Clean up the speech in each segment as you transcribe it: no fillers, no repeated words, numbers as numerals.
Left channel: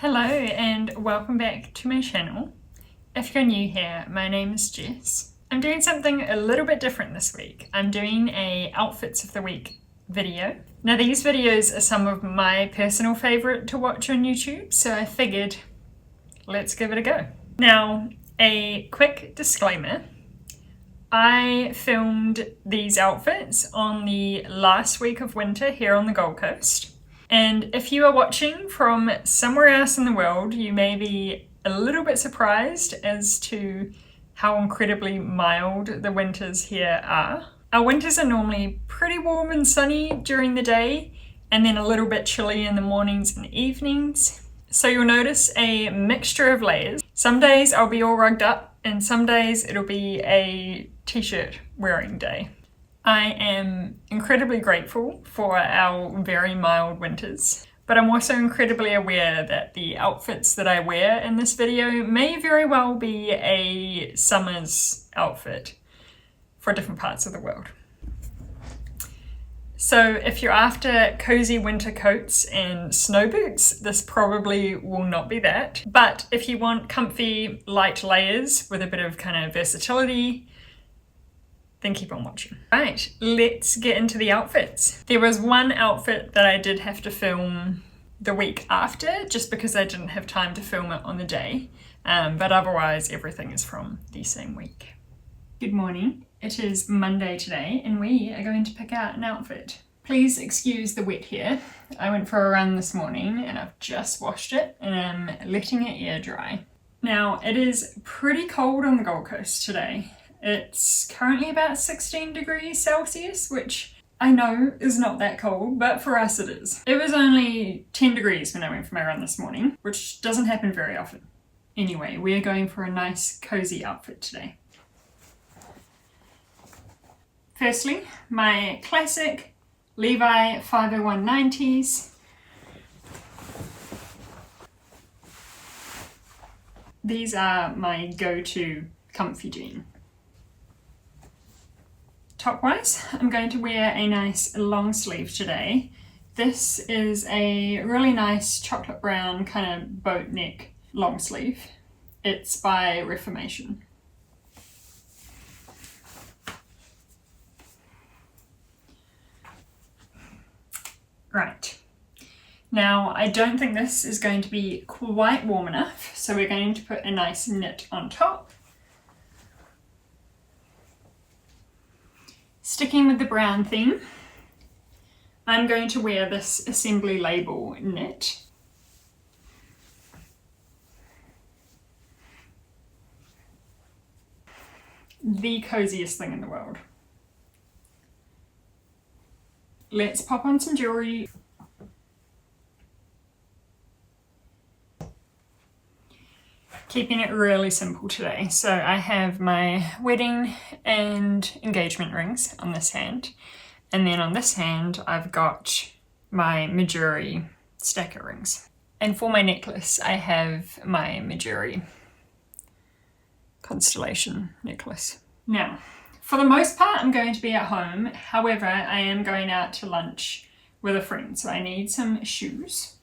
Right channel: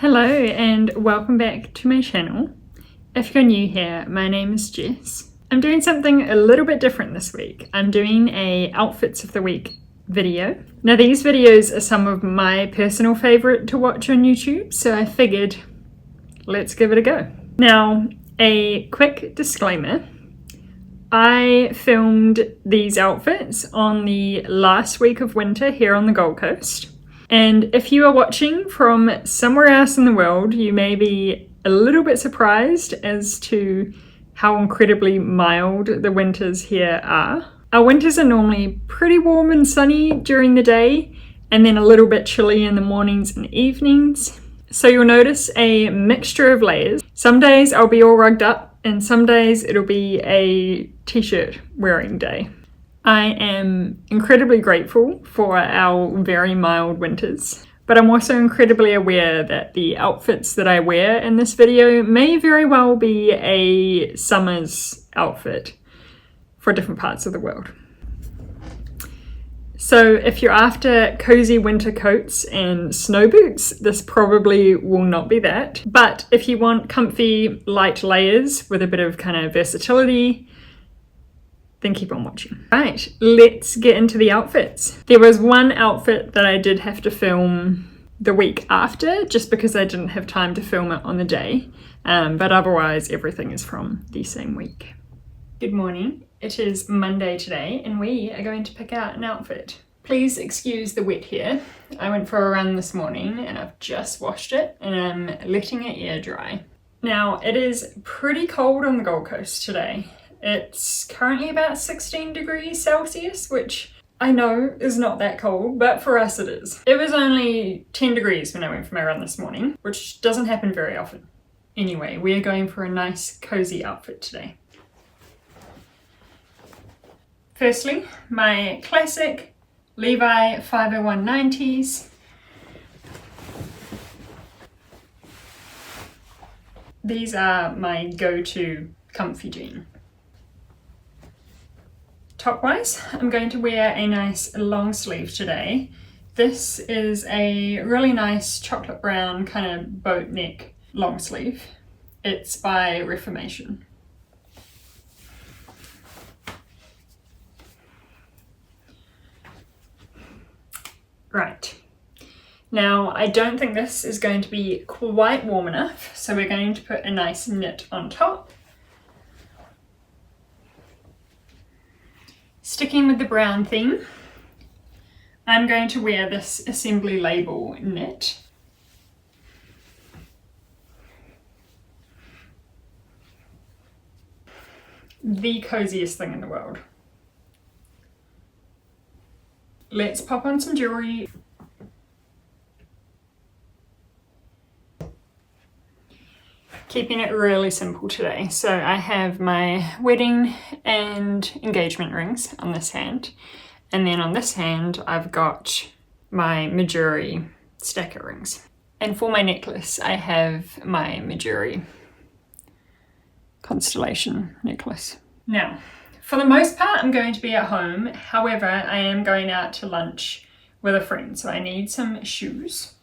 Hello and welcome back to my channel. If you're new here, my name is Jess. I'm doing something a little bit different this week. I'm doing a Outfits of the Week video. Now these videos are some of my personal favourite to watch on YouTube, so I figured let's give it a go. Now, a quick disclaimer. I filmed these outfits on the last week of winter here on the Gold Coast. And if you are watching from somewhere else in the world, you may be a little bit surprised as to how incredibly mild the winters here are. Our winters are normally pretty warm and sunny during the day, and then a little bit chilly in the mornings and evenings. So you'll notice a mixture of layers. Some days I'll be all rugged up, and some days it'll be a t-shirt wearing day. I am incredibly grateful for our very mild winters, but I'm also incredibly aware that the outfits that I wear in this video may very well be a summer's outfit for different parts of the world. So if you're after cozy winter coats and snow boots, this probably will not be that. But if you want comfy light layers with a bit of kind of versatility, then keep on watching. Right, let's get into the outfits. There was one outfit that I did have to film the week after, just because I didn't have time to film it on the day. But otherwise, everything is from the same week. Good morning. It is Monday today, and we are going to pick out an outfit. Please excuse the wet hair. I went for a run this morning, and I've just washed it, and I'm letting it air dry. Now, it is pretty cold on the Gold Coast today. It's currently about 16 degrees Celsius, which I know is not that cold, but for us it is. It was only 10 degrees when I went for my run this morning, which doesn't happen very often. Anyway, we are going for a nice cozy outfit today. Firstly, my classic Levi 50190s. These are my go-to comfy jean. Top-wise, I'm going to wear a nice long sleeve today. This is a really nice chocolate brown kind of boat neck long sleeve. It's by Reformation. Right. Now, I don't think this is going to be quite warm enough, so we're going to put a nice knit on top. Sticking with the brown theme, I'm going to wear this Assembly Label knit. The coziest thing in the world. Let's pop on some jewelry. Keeping it really simple today. So I have my wedding and engagement rings on this hand. And then on this hand, I've got my Mejuri stacker rings. And for my necklace, I have my Mejuri constellation necklace. Now, for the most part, I'm going to be at home. However, I am going out to lunch with a friend, so I need some shoes.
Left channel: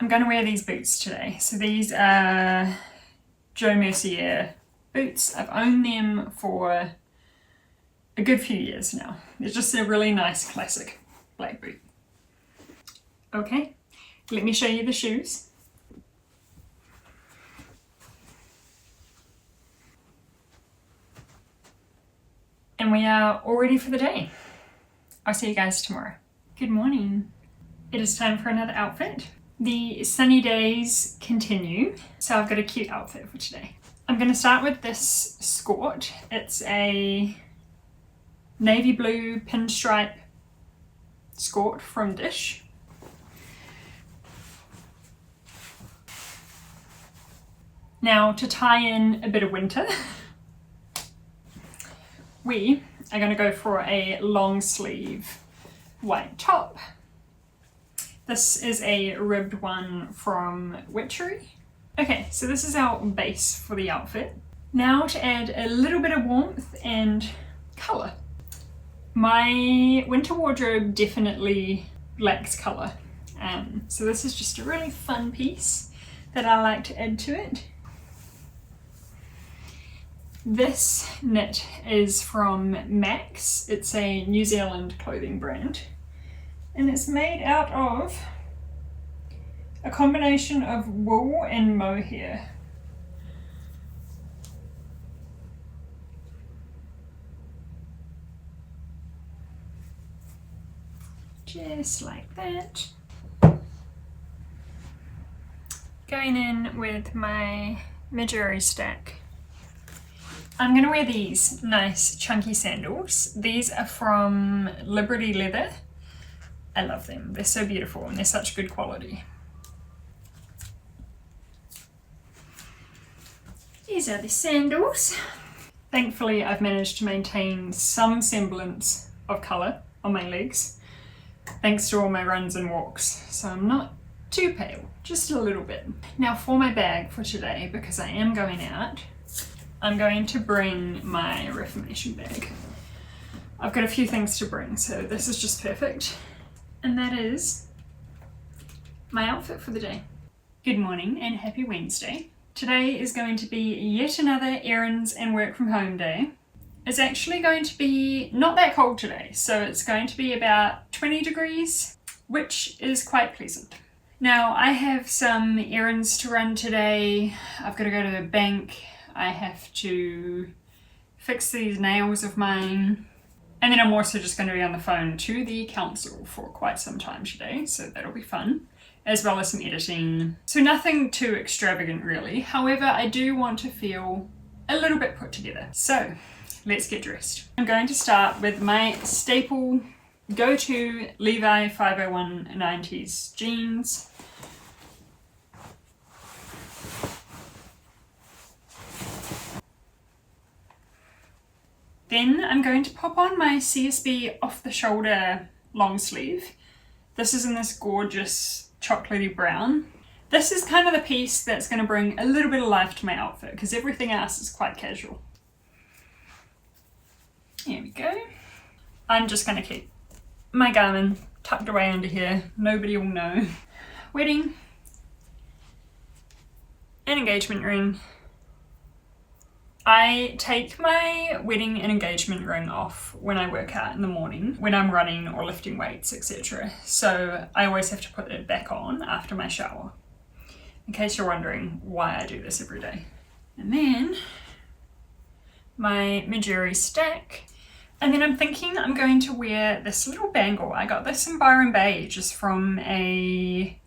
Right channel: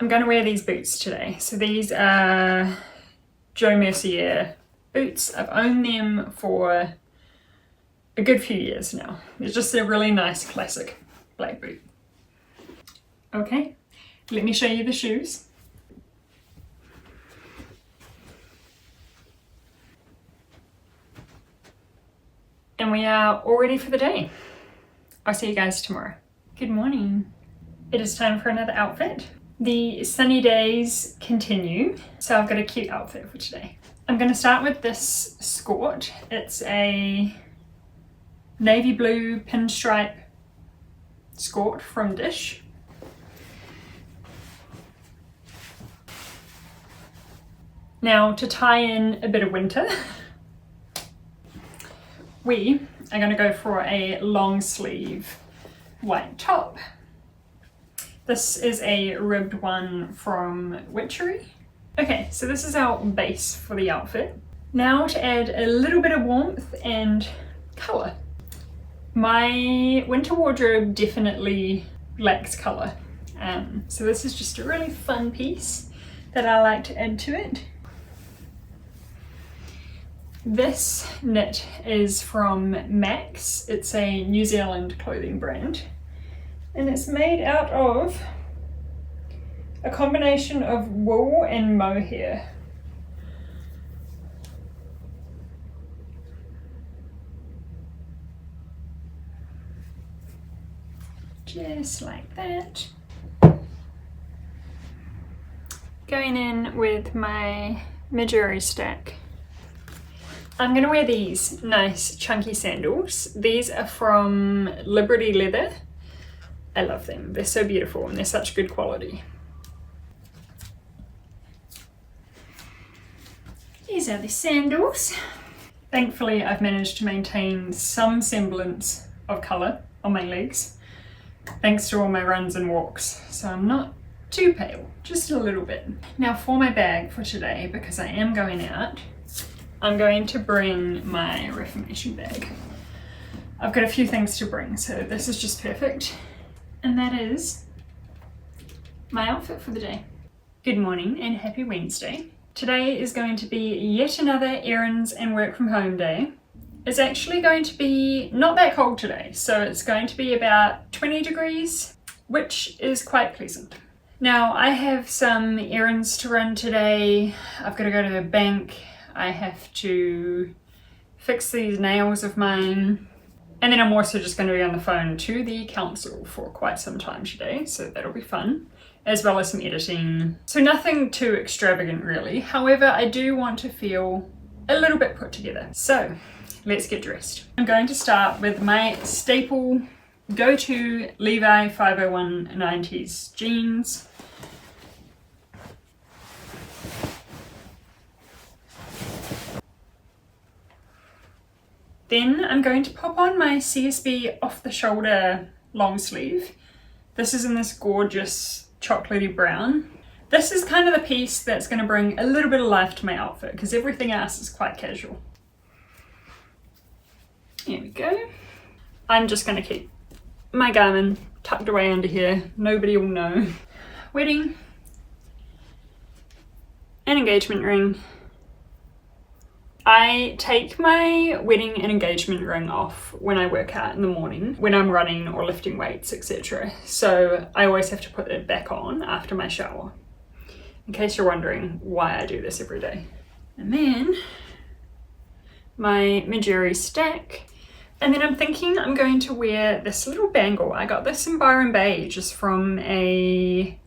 I'm going to wear these boots today. So these are Jo Mercier boots. I've owned them for a good few years now. It's just a really nice classic black boot. Okay, let me show you the shoes. And we are all ready for the day. I'll see you guys tomorrow. Good morning. It is time for another outfit. The sunny days continue, so I've got a cute outfit for today. I'm going to start with this skirt. It's a navy blue pinstripe skirt from Dish. Now, to tie in a bit of winter, we are going to go for a long sleeve white top. This is a ribbed one from Witchery. Okay, so this is our base for the outfit. Now to add a little bit of warmth and colour. My winter wardrobe definitely lacks colour. So this is just a really fun piece that I like to add to it. This knit is from Max. It's a New Zealand clothing brand, and it's made out of a combination of wool and mohair. Just like that. Going in with my Midori stack. I'm going to wear these nice chunky sandals. These are from Liberty Leather. I love them. They're so beautiful and they're such good quality. These are the sandals. Thankfully, I've managed to maintain some semblance of colour on my legs, thanks to all my runs and walks. So I'm not too pale, just a little bit. Now for my bag for today, because I am going out, I'm going to bring my Reformation bag. I've got a few things to bring, so this is just perfect. And that is my outfit for the day. Good morning and happy Wednesday. Today is going to be yet another errands and work from home day. It's actually going to be not that cold today, so it's going to be about 20 degrees, which is quite pleasant. Now I have some errands to run today. I've got to go to the bank. I have to fix these nails of mine. And then I'm also just going to be on the phone to the council for quite some time today, so that'll be fun, as well as some editing. So nothing too extravagant really. However, I do want to feel a little bit put together. So let's get dressed. I'm going to start with my staple go-to Levi 50190s jeans. Then I'm going to pop on my CSB off the shoulder long sleeve. This is in this gorgeous chocolatey brown. This is kind of the piece that's going to bring a little bit of life to my outfit because everything else is quite casual. Here we go. I'm just going to keep my Garmin tucked away under here. Nobody will know. Wedding. An engagement ring. I take my wedding and engagement ring off when I work out in the morning, when I'm running or lifting weights, etc. So I always have to put it back on after my shower, in case you're wondering why I do this every day. And then my Midori stack. And then I'm thinking I'm going to wear this little bangle. I got this in Byron Bay, just from a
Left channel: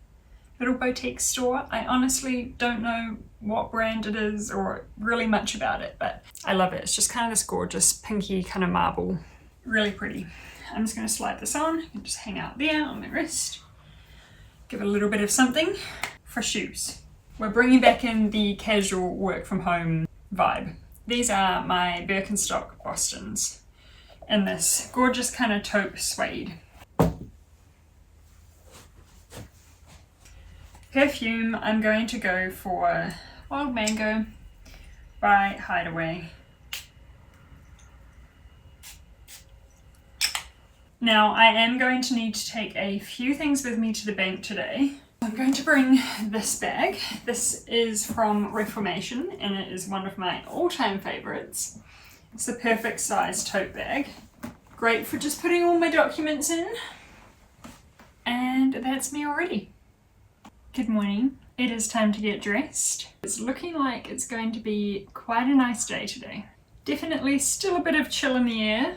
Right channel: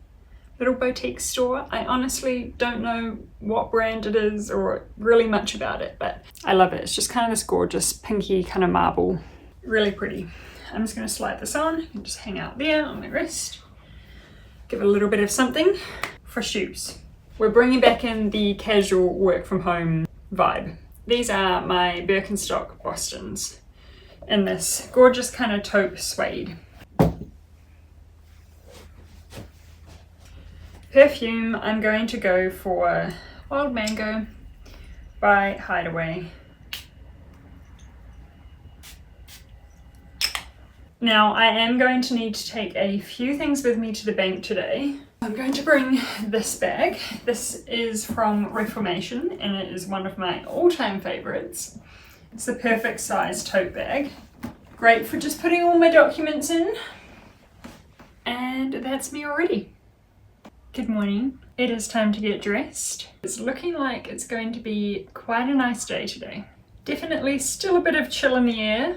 little boutique store. I honestly don't know what brand it is or really much about it, but I love it. It's just kind of this gorgeous pinky kind of marble. Really pretty. I'm just going to slide this on and just hang out there on my wrist. Give it a little bit of something. For shoes, we're bringing back in the casual work from home vibe. These are my Birkenstock Bostons in this gorgeous kind of taupe suede. Perfume, I'm going to go for Wild Mango by Hideaway. Now I am going to need to take a few things with me to the bank today. I'm going to bring this bag. This is from Reformation and it is one of my all-time favorites. It's the perfect size tote bag. Great for just putting all my documents in. And that's me already. Good morning. It is time to get dressed. It's looking like it's going to be quite a nice day today. Definitely still a bit of chill in the air,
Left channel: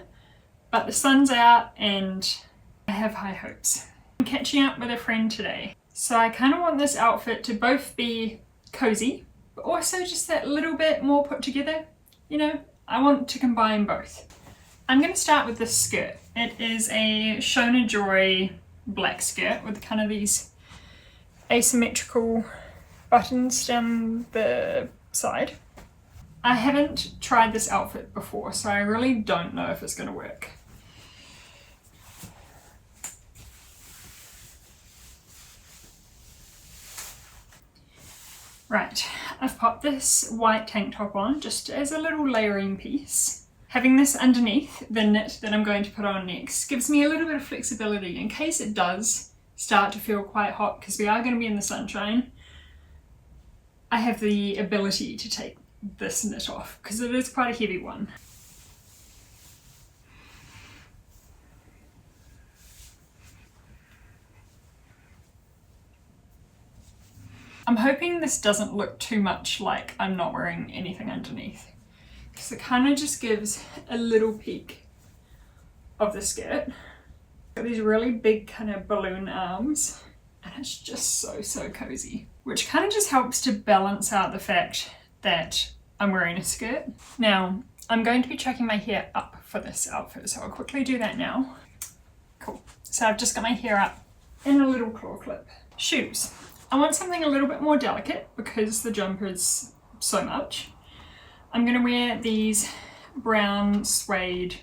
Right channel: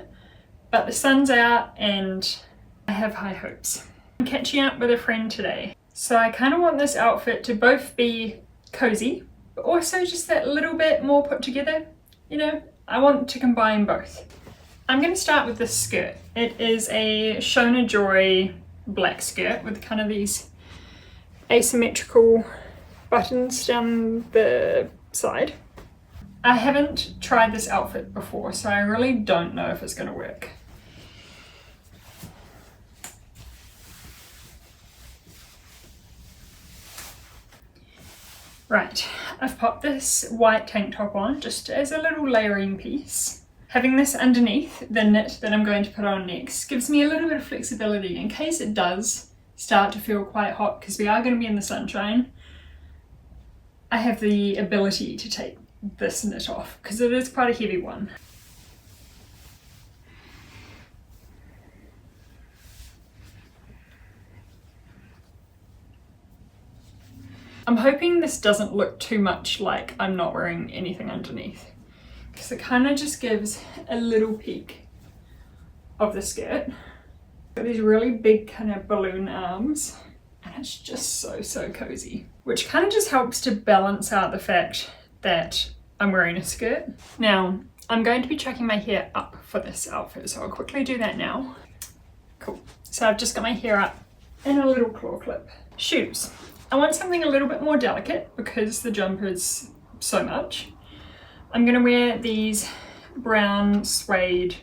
but the sun's out and I have high hopes. I'm catching up with a friend today. So I kind of want this outfit to both be cozy, but also just that little bit more put together. You know, I want to combine both. I'm going to start with this skirt. It is a Shona Joy black skirt with kind of these asymmetrical buttons down the side. I haven't tried this outfit before, so I really don't know if it's going to work. Right, I've popped this white tank top on just as a little layering piece. Having this underneath the knit that I'm going to put on next gives me a little bit of flexibility in case it does start to feel quite hot because we are going to be in the sunshine, I have the ability to take this knit off because it is quite a heavy one. I'm hoping this doesn't look too much like I'm not wearing anything underneath, because it kind of just gives a little peek of the skirt. Got these really big kind of balloon arms, and it's just so cozy, which kind of just helps to balance out the fact that I'm wearing a skirt. Now, I'm going to be chucking my hair up for this outfit, so I'll quickly do that now. Cool. So I've just got my hair up in a little claw clip. Shoes. I want something a little bit more delicate because the jumper is so much. I'm going to wear these brown suede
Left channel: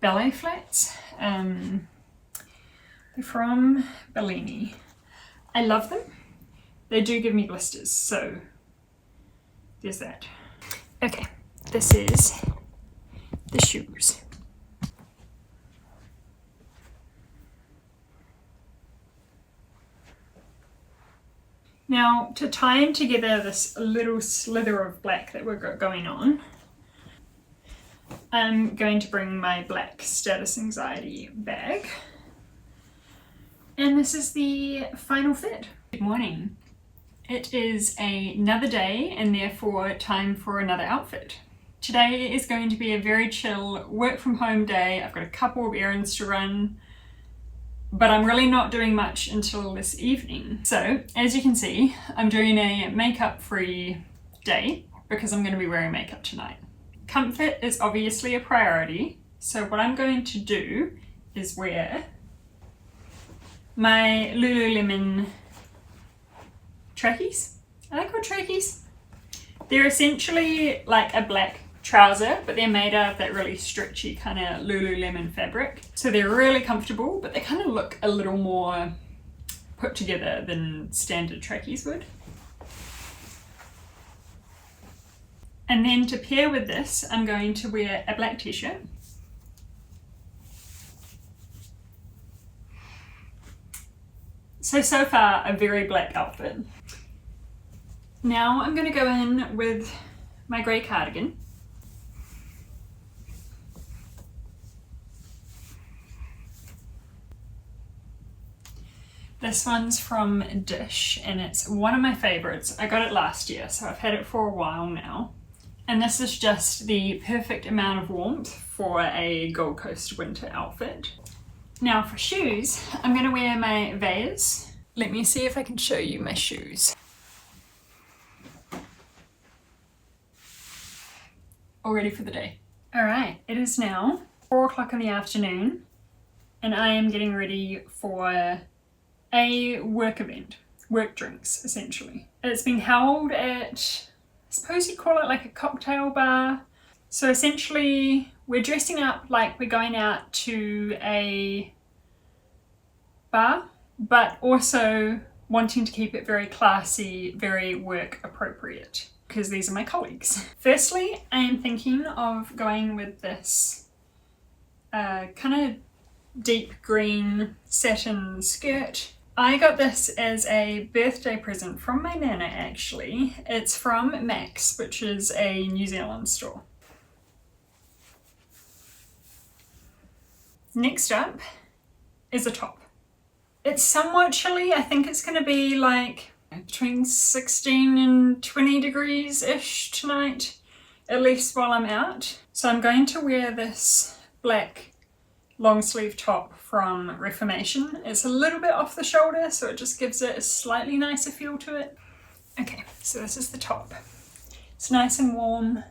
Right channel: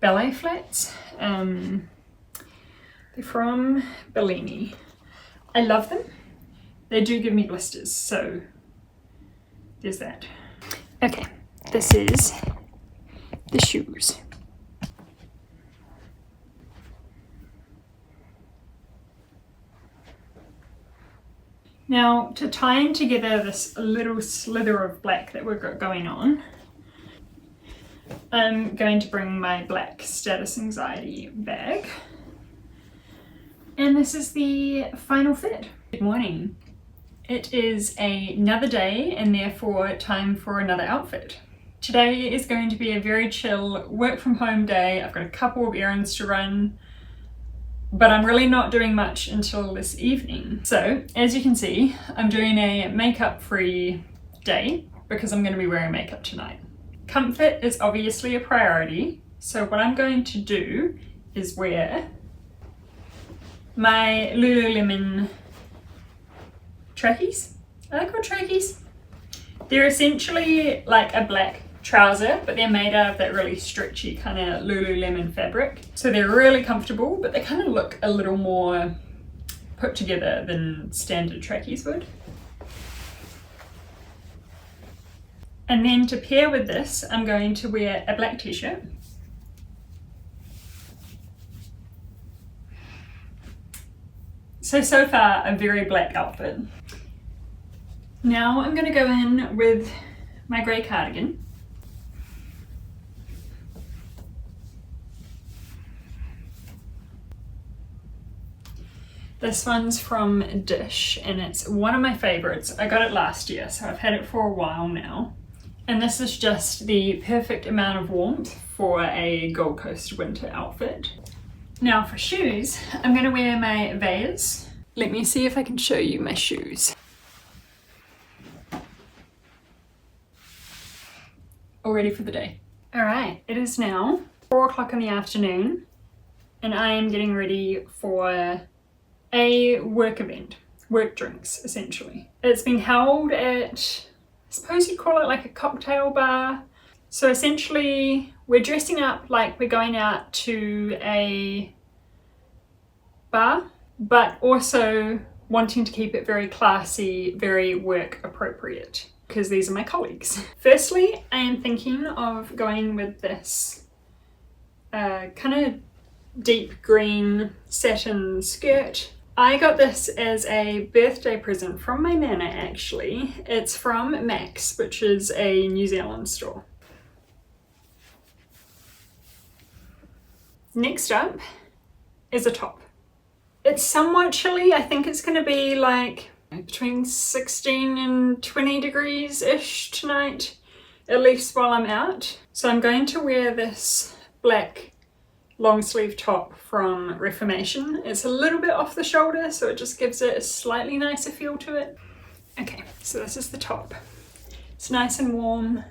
ballet flats. They're from Bellini. I love them. They do give me blisters, so there's that. Okay, this is the shoes. Now, to tie in together this little slither of black that we've got going on, I'm going to bring my black Status Anxiety bag. And this is the final fit. Good morning. It is another day and therefore time for another outfit. Today is going to be a very chill work from home day. I've got a couple of errands to run, but I'm really not doing much until this evening. So as you can see, I'm doing a makeup free day because I'm going to be wearing makeup tonight. Comfort is obviously a priority. So what I'm going to do is wear my Lululemon trackies. Are they called trackies? They're essentially like a black trouser, but they're made out of that really stretchy kind of Lululemon fabric. So they're really comfortable, but they kind of look a little more put together than standard trackies would. And then to pair with this, I'm going to wear a black t-shirt. So far, a very black outfit. Now I'm going to go in with my grey cardigan. This one's from Dish and it's one of my favorites. I got it last year, so I've had it for a while now. And this is just the perfect amount of warmth for a Gold Coast winter outfit. Now for shoes, I'm going to wear my Vans. Let me see if I can show you my shoes. All ready for the day. All right, it is now 4 o'clock in the afternoon and I am getting ready for a work event, work drinks essentially. It's been held at, I suppose you'd call it like a cocktail bar. So essentially we're dressing up like we're going out to a bar, but also wanting to keep it very classy, very work appropriate, because these are my colleagues. Firstly, I am thinking of going with this kind of deep green satin skirt. I got this as a birthday present from my nana actually. It's from Max, which is a New Zealand store. Next up is a top. It's somewhat chilly. I think it's going to be like between 16 and 20 degrees-ish tonight, at least while I'm out. So I'm going to wear this black long sleeve top from Reformation. It's a little bit off the shoulder, so it just gives it a slightly nicer feel to it. Okay, so this is the top. It's nice and warm.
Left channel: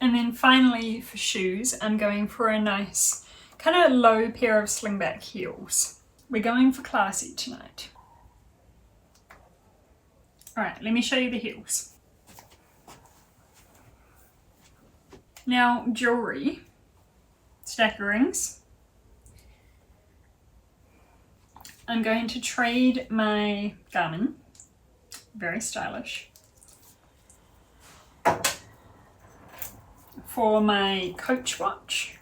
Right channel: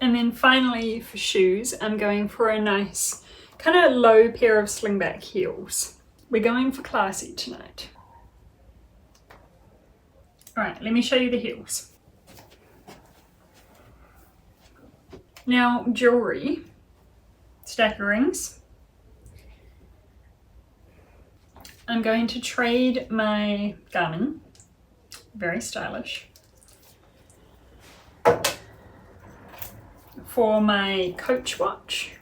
And then finally for shoes, I'm going for a nice kind of low pair of slingback heels. We're going for classy tonight. All right, let me show you the heels. Now, jewelry, stack of rings. I'm going to trade my Garmin, very stylish, for my Coach watch.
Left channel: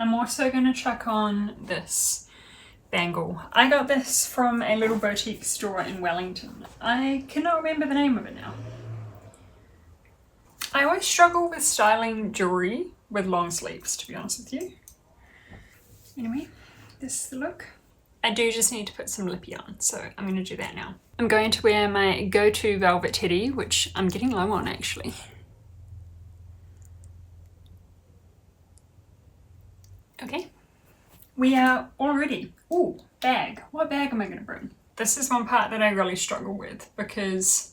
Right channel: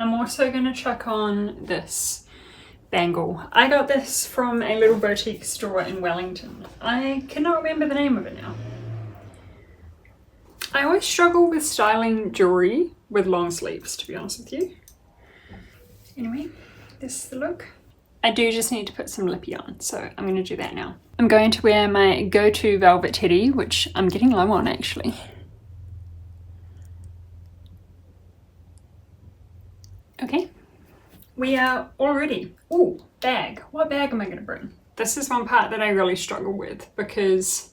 I'm also going to chuck on this bangle. I got this from a little boutique store in Wellington. I cannot remember the name of it now. I always struggle with styling jewelry with long sleeves, to be honest with you. Anyway, this is the look. I do just need to put some lippy on, so I'm going to do that now. I'm going to wear my go-to velvet teddy, which I'm getting low on actually. Okay, we are all ready. Ooh, bag. What bag am I going to bring? This is one part that I really struggle with because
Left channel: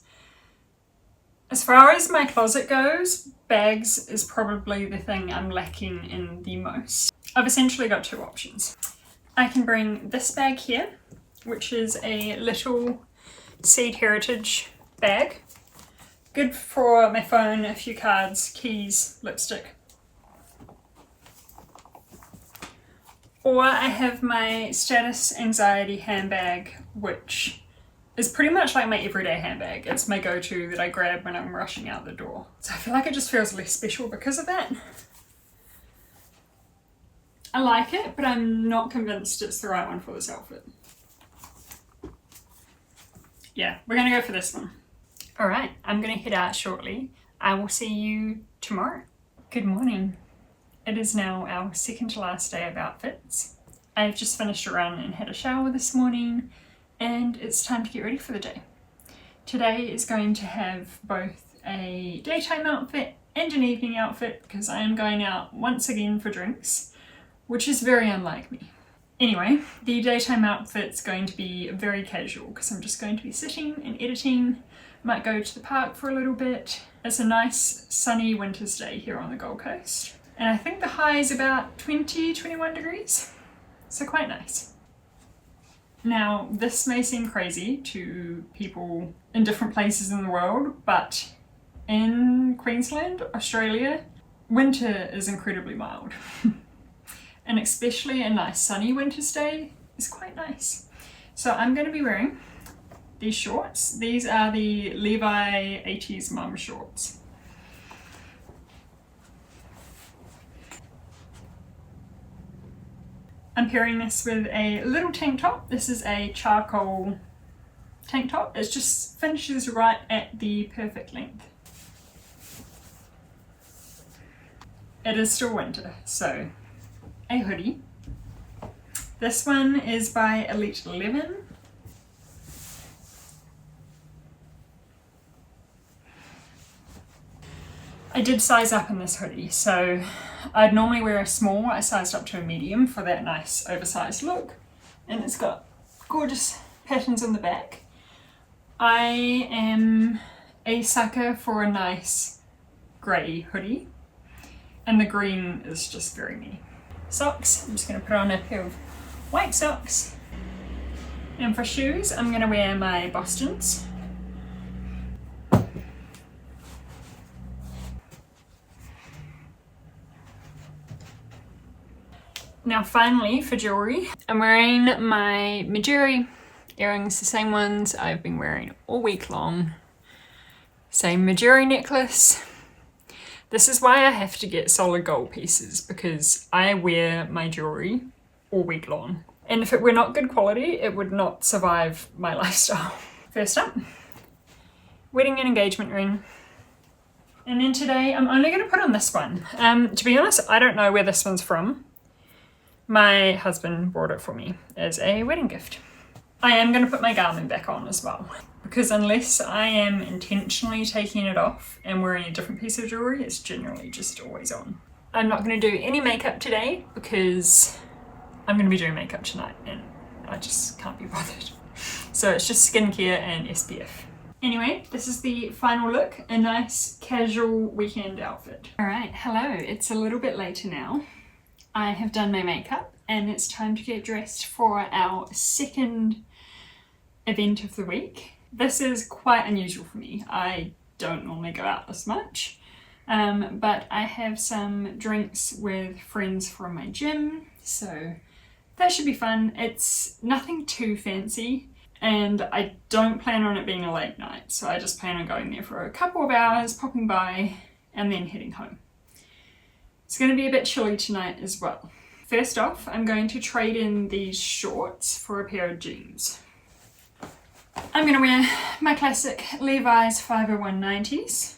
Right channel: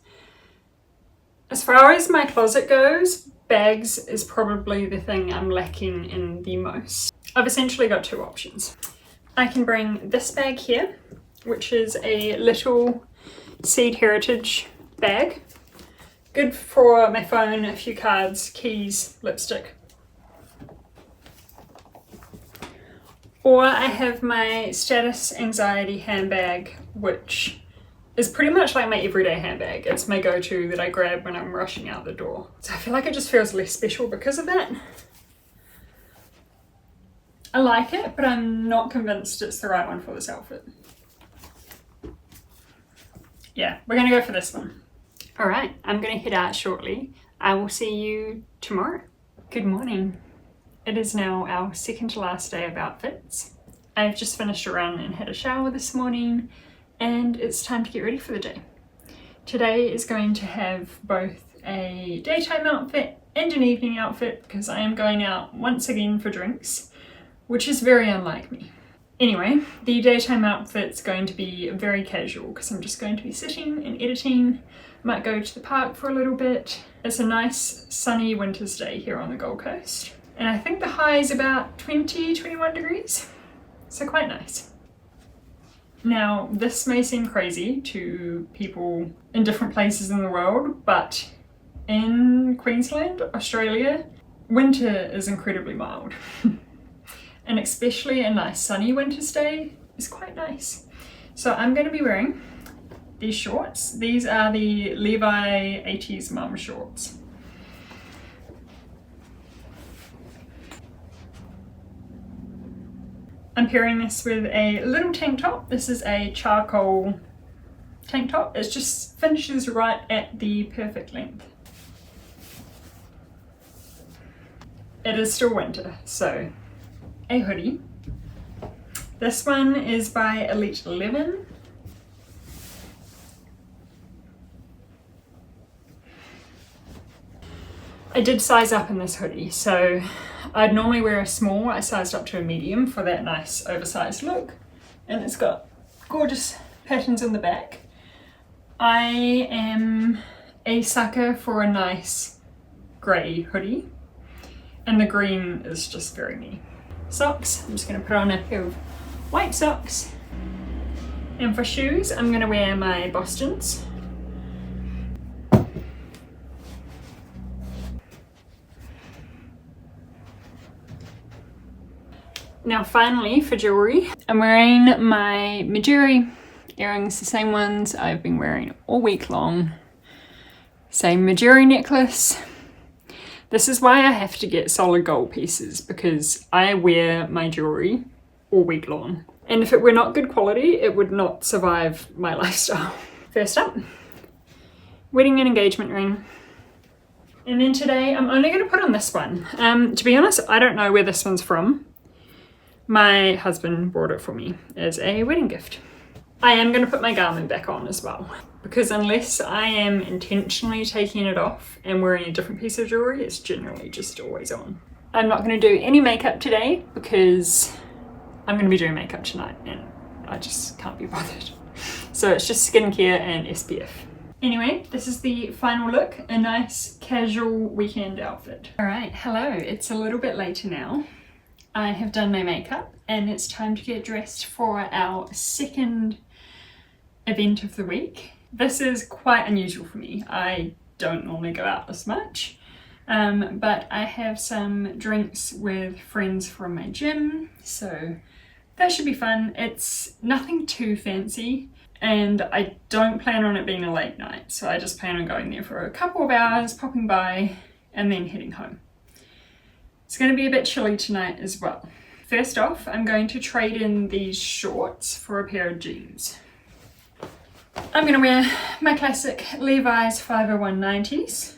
as far as my closet goes, bags is probably the thing I'm lacking in the most. I've essentially got two options. I can bring this bag here, which is a little Seed Heritage bag. Good for my phone, a few cards, keys, lipstick. Or I have my Status Anxiety handbag, which is pretty much like my everyday handbag. It's my go-to that I grab when I'm rushing out the door. So I feel like it just feels less special because of that. I like it, but I'm not convinced it's the right one for this outfit. Yeah, we're gonna go for this one. All right, I'm gonna head out shortly. I will see you tomorrow. Good morning. It is now our second to last day of outfits. I've just finished a run and had a shower this morning, and it's time to get ready for the day. Today is going to have both a daytime outfit and an evening outfit because I am going out once again for drinks, which is very unlike me. Anyway, the daytime outfit's going to be very casual because I'm just going to be sitting and editing. Might go to the park for a little bit. It's a nice sunny winter's day here on the Gold Coast. And I think the high is about 21 degrees, so quite nice. Now, this may seem crazy to people in different places in the world, but in Queensland, Australia, winter is incredibly mild. And especially a nice sunny winter's day is quite nice. So I'm going to be wearing these shorts. These are the Levi 80s mum shorts. I'm pairing this with a little tank top. This is a charcoal tank top. It just finishes right at the perfect length. It is still winter, so a hoodie. This one is by Elite 11. I did size up in this hoodie, so I'd normally wear a small. I sized up to a medium for that nice oversized look, and it's got gorgeous patterns on the back. I am a sucker for a nice grey hoodie, and the green is just very me. Socks, I'm just going to put on a pair of white socks, and for shoes I'm going to wear my Bostons. Now finally for jewellery, I'm wearing my Mejuri earrings, the same ones I've been wearing all week long. Same Mejuri necklace. This is why I have to get solid gold pieces, because I wear my jewellery all week long. And if it were not good quality, it would not survive my lifestyle. First up, wedding and engagement ring. And then today I'm only going to put on this one. To be honest, I don't know where this one's from. My husband bought it for me as a wedding gift. I am going to put my Garmin back on as well, because unless I am intentionally taking it off and wearing a different piece of jewellery, it's generally just always on. I'm not going to do any makeup today because I'm going to be doing makeup tonight and I just can't be bothered. So it's just skincare and SPF. Anyway, this is the final look, a nice casual weekend outfit. All right, hello, it's a little bit later now. I have done my makeup and it's time to get dressed for our second event of the week. This is quite unusual for me. I don't normally go out this much, but I have some drinks with friends from my gym, so that should be fun. It's nothing too fancy and I don't plan on it being a late night, so I just plan on going there for a couple of hours, popping by and then heading home. It's going to be a bit chilly tonight as well. first off, I'm going to trade in these shorts for a pair of jeans. I'm going to wear my classic Levi's 50190s.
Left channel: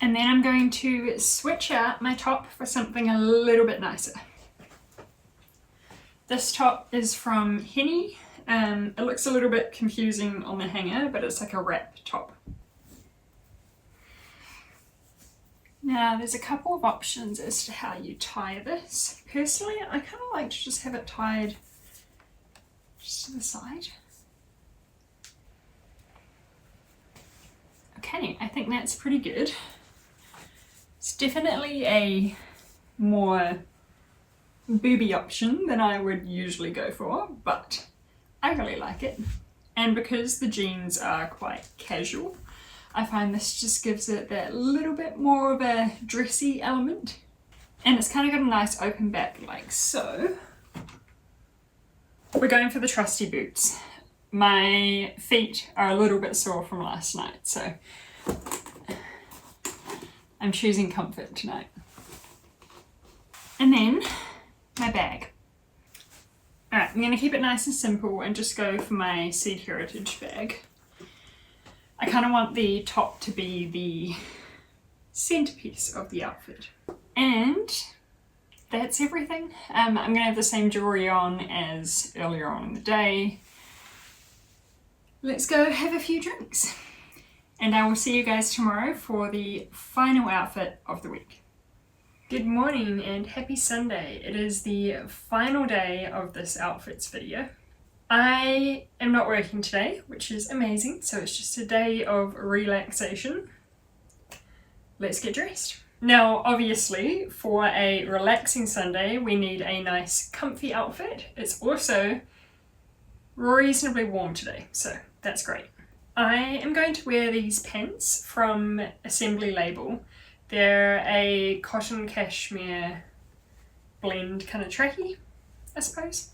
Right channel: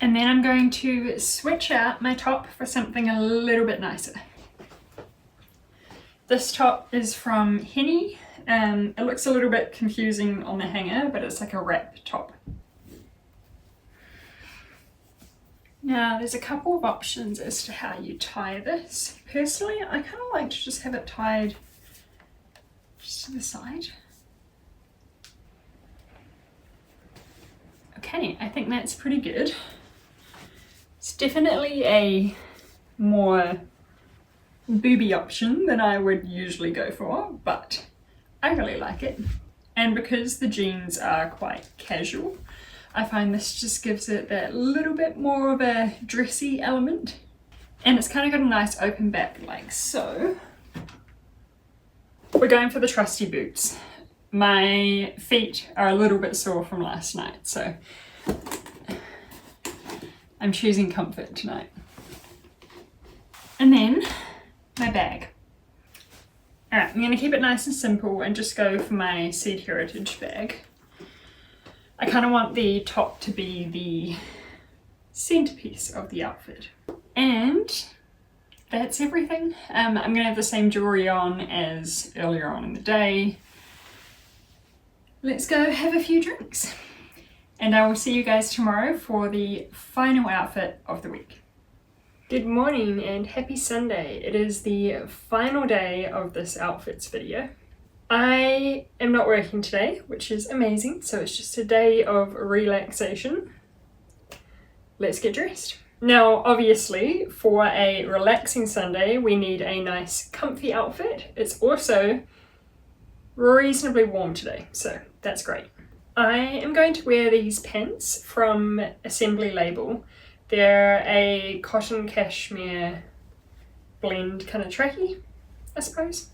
And then I'm going to switch out my top for something a little bit nicer. This top is from Henny. It looks a little bit confusing on the hanger, but it's like a wrap top. Now there's a couple of options as to how you tie this. Personally, I kind of like to just have it tied just to the side. Okay, I think that's pretty good. It's definitely a more booby option than I would usually go for, but I really like it. And because the jeans are quite casual, I find this just gives it that little bit more of a dressy element. And it's kind of got a nice open back like so. We're going for the trusty boots. My feet are a little bit sore from last night, so I'm choosing comfort tonight. And then my bag. Alright, I'm going to keep it nice and simple and just go for my Seed Heritage bag. I kind of want the top to be the centerpiece of the outfit. And that's everything. I'm going to have the same jewelry on as earlier on in the day. Let's go have a few drinks. And I will see you guys tomorrow for the final outfit of the week. Good morning and happy Sunday. It is the final day of this outfits video. I am not working today, which is amazing, so it's just a day of relaxation. Let's get dressed. Now, obviously, for a relaxing Sunday, we need a nice comfy outfit. It's also reasonably warm today, so that's great. I am going to wear these pants from Assembly Label. They're a cotton cashmere blend kind of trackie, I suppose.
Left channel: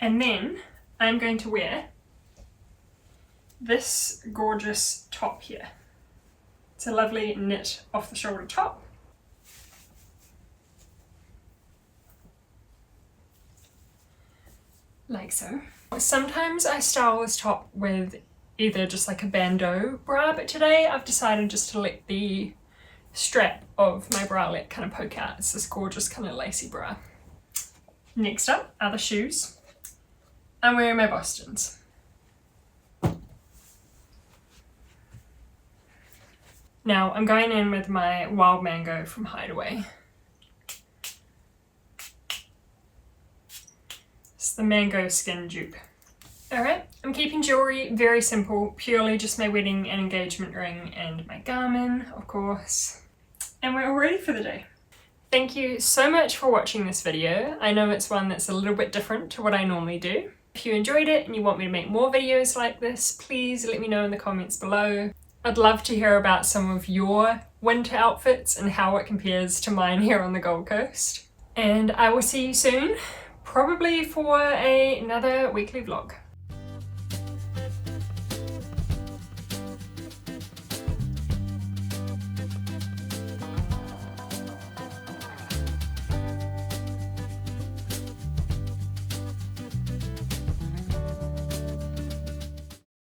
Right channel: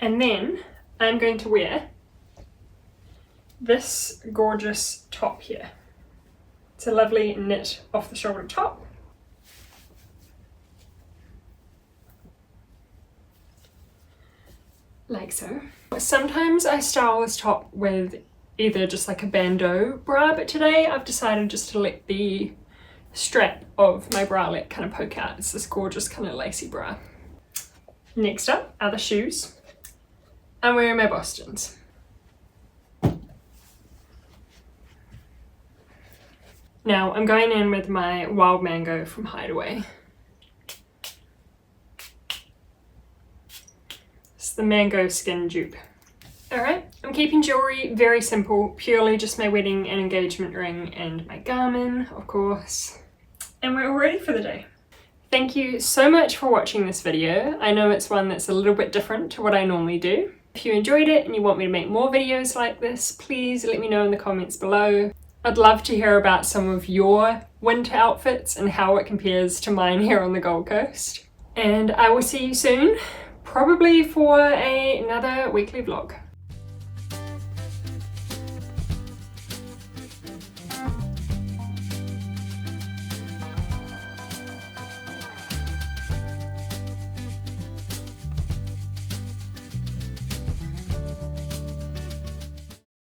And then I'm going to wear this gorgeous top here. It's a lovely knit off the shoulder top. Like so. Sometimes I style this top with either just like a bandeau bra, but today I've decided just to let the strap of my bralette kind of poke out. It's this gorgeous kind of lacy bra. Next up are the shoes. I'm wearing my Bostons. Now I'm going in with my Wild Mango from Hideaway. It's the mango skin dupe. Alright, I'm keeping jewelry very simple, purely just my wedding and engagement ring and my Garmin, of course. And we're all ready for the day. Thank you so much for watching this video. I know it's one that's a little bit different to what I normally do. If you enjoyed it and you want me to make more videos like this, please let me know in the comments below. I'd love to hear about some of your winter outfits and how it compares to mine here on the Gold Coast. And I will see you soon, probably for another weekly vlog.